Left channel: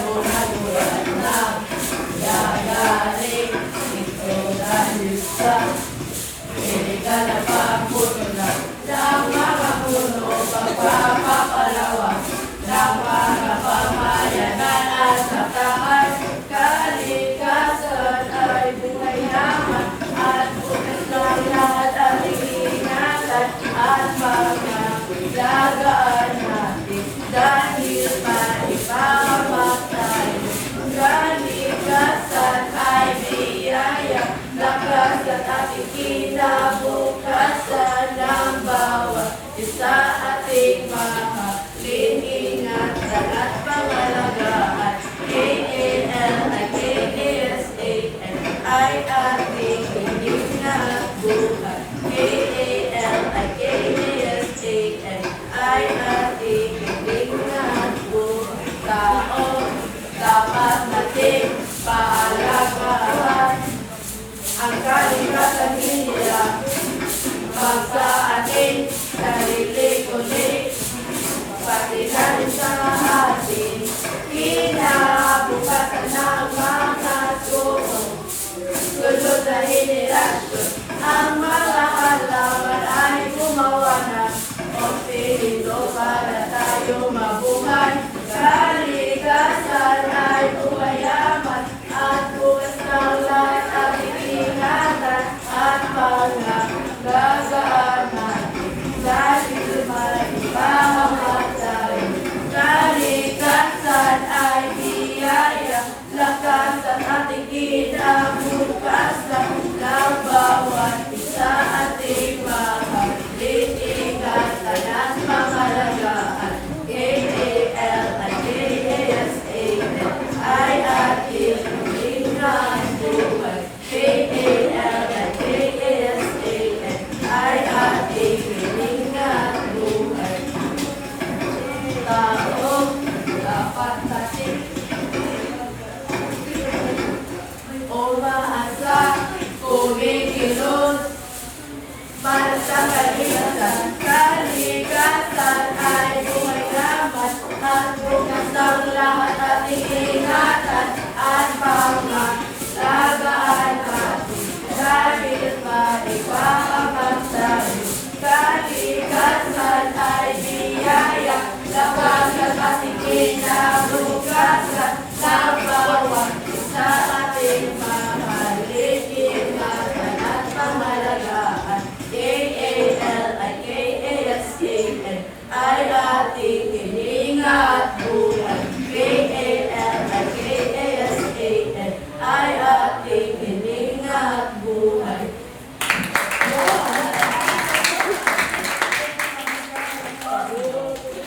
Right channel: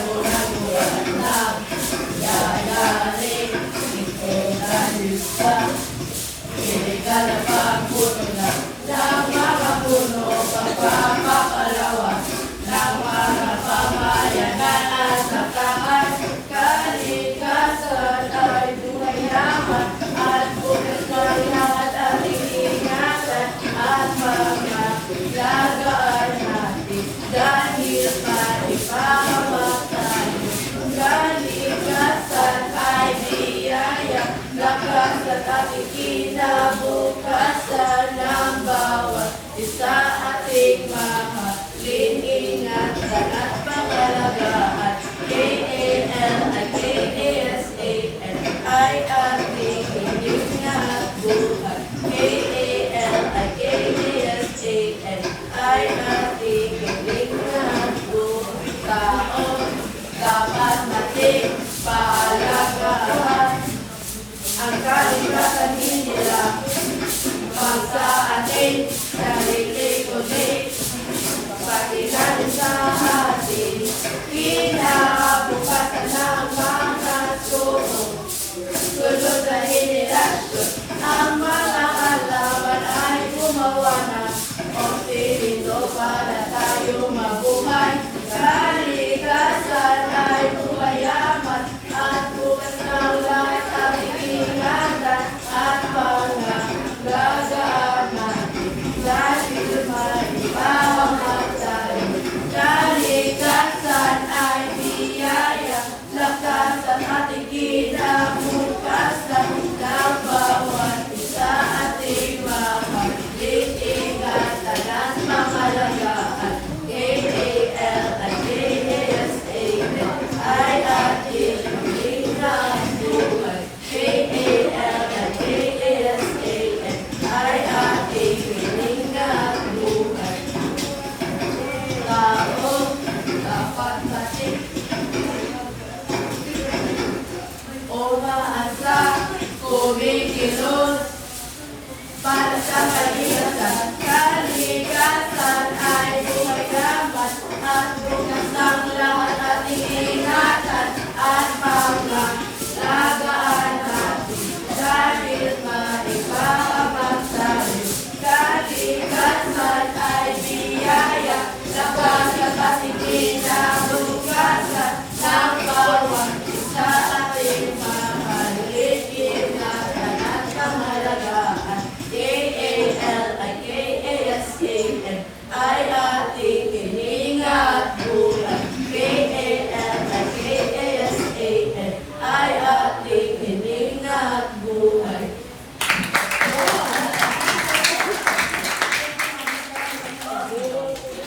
buhat na gagaling ikutan sa iligal na pagpuno na ng mga puno pagpapakalawa ng mga pamayanan at nataas kalikasan ay bumayaman at bukit lahat at ingatan at mga gagaan natin dahil maipamatay kalikasan ay biyaya lakas at ating kinabukasan ng bawat isa ating mahalin ingatan at pangalagaan KALIKASAN ay ating hiningat buhay KALIKASAN ay ating hiningat buhay taon dapat nating paalagaan ang kalikasan nila pag sa ating sarili kundi pati na rin sa ating kinabukasan ng mga sunod na henerasyon. Ang mga alaman ay gumawa na ospirito para tayo mabuhay. Kalikasan ay bumayaman at bukas na lahat ang ingatan at pangalagaan natin dahil maipamatay. Kalikasan ay biyaya lakas at ating kinabukasan ng bawat isa ating mahalin ingatan at pangalagaan KALIKASAN ay ating hiningat buhay KALIKASAN ay ating hiningat buhay taong dapat natin umaasa kumikilos para sa kalikasan. Kalikasan ay bumayaman at bukas ng lahat ating ingatan at pangalagaan natin dahil maipamatay. Kalikasan ay biyaya lakas at ating kinabukasan ng bawat isa ating mahalin ingatan at pangalagaan KALIKASAN ay ating hiningat